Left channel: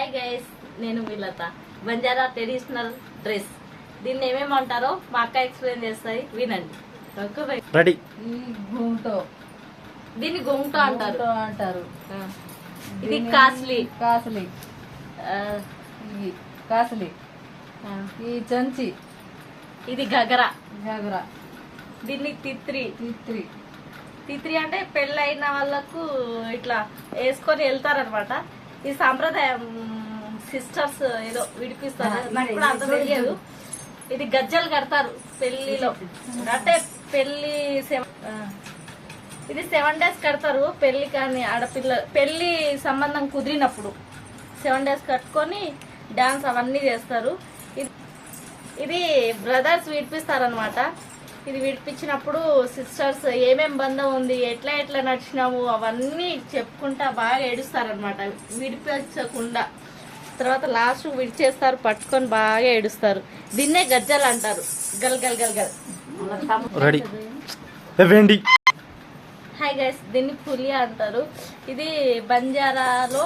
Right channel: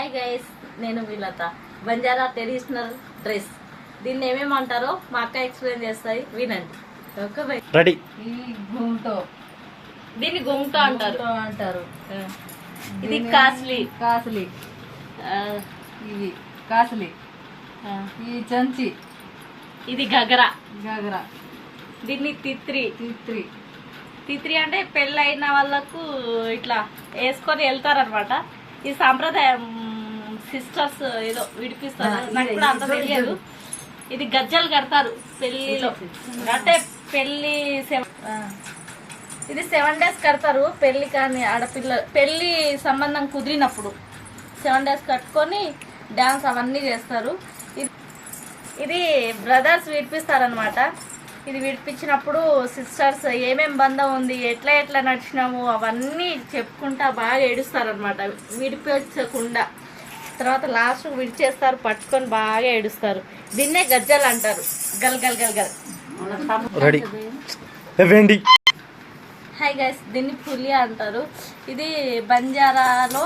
Hi guys, నేను విలత. Banjara traditional dress, దీన్ని ఏమేమంటారో మా అక్క ఎక్స్ప్లెయిన్ చేస్తాయి, వినండి. రెడీ. దీన్ని గొంగట అంటారు. ఇది కాస్లీ ఇది కాస్లీ. ఈ చంచి ఇది గగరా. దీన్ని తిత్రి తిత్రి అంటే పెళ్ళైన వాళ్ళకు ఇట్లా వేసుకొని వెళ్తారనమాట. ఈ సాంప్రదాయం సిస్టర్స్ ఏదో విడిపిస్తారు, నాకు కూడా అంత తెలియదు. ఇది గజ్జలు కడతారు పెళ్లిలో, అంటే పెళ్లి ఇది 7 days కడతారు. పెళ్లి కానీ ఆడపిల్ల పెళ్లి సంబంధం కుదిరినప్పుడు 7 days కట్టుకొని డాన్స్ అవన్నీ చేస్తారు. ఇది బ్రదర్స్ విడిపిస్తారనమాట. ఇది విడిపించినప్పుడు సిస్టర్స్ ఏమేం బంధం ఉంది, ఎట్లా నడిచినాము అవన్నీ చెప్పుకుంటా బాగా ఏడుస్తారనమాట, విడిపించకుండా. తర్వాత లాస్ట్ విడిచేస్తారు, పట్టుకొని బాగా ఏడుస్తారు. దీన్నే గజ్జలు అంటారు. గల్ గల్ గల్ గల్. హాయ్ గైస్, దీన్ని పులి అంటారు. ఇది బంజారాలో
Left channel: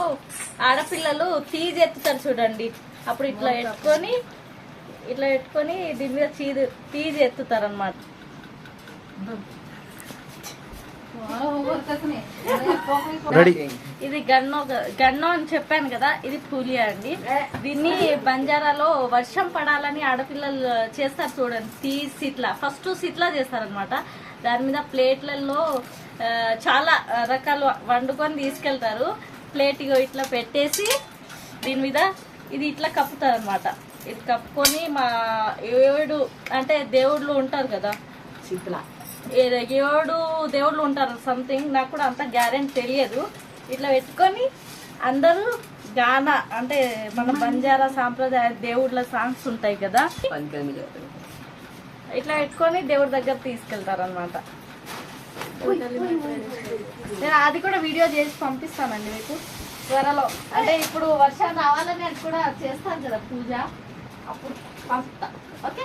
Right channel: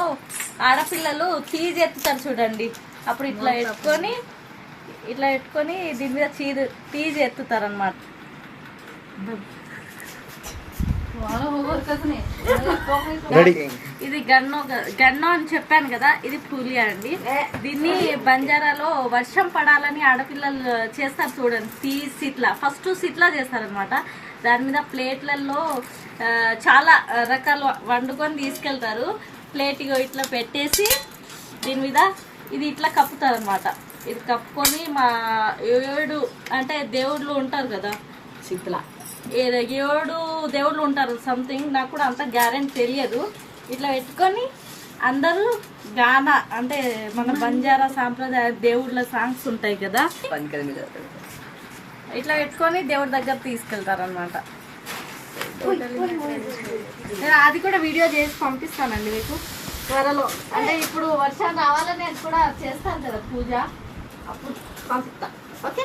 ఆడపిల్లలు తీజ్ ఎత్తుతారు చూడండి. అప్పుడు ఇట్లా ఎత్తుకొని దీని మీద తీజ్ ఎత్తుతారు అనమాట. ఇది గన్నో అని చెప్పాను కదా, ఇది పులి అండి. దీన్ని బంజారాలో వర్షం పడాలని ఆడపిల్లలు చేస్తారు చూడండి. ఫస్ట్ సిట్లా చేస్తారనమాట. దాని మీద ప్లేట్లలో చాలా రకాలు వండుకొని తీసుకెళ్తారు. ప్లేట్ ఇట్లా పెట్టేసి దీని మీద ఇది ఇట్లా కప్పుతారు అనమాట. ఇది కప్పుకొని మా 7 అంటే దేవుళ్ళు ఉంటారు కదా, 7 దేవుళ్ళు ఉంటారు సంథింగ్, నాకు కూడా అంత గ్యారెంటీ తెలియదు. ఇట్లా పెట్టుకొని అందరూ గానా అంటే మన బంజారా సాంప్రదాయ దేవుళ్ళ సాంగ్స్ ఉంటాయి కదా, ఇట్లా పెట్టుకొని దేవుడి దగ్గర తీసుకెళ్తారు అనమాట. నేను అది కూడా వీడియో చేసి పంపిస్తానండి మీకు త్వరలో. అంటే ఇప్పుడు వర్షాలు రావాలని కూడా చేస్తాను కదా పూజ, అప్పుడు పంపుతా. ఓకే,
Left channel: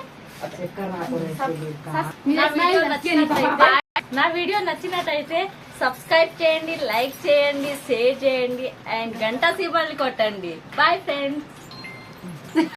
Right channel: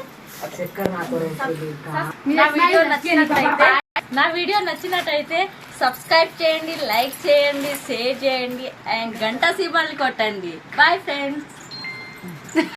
నా వీడియో నచ్చినట్టయితే సబ్స్క్రైబ్ చేయండి, లైక్ చేయండి, షేర్ చేయండి అండ్ గంట సింబల్ కొట్టండి. Bye friends.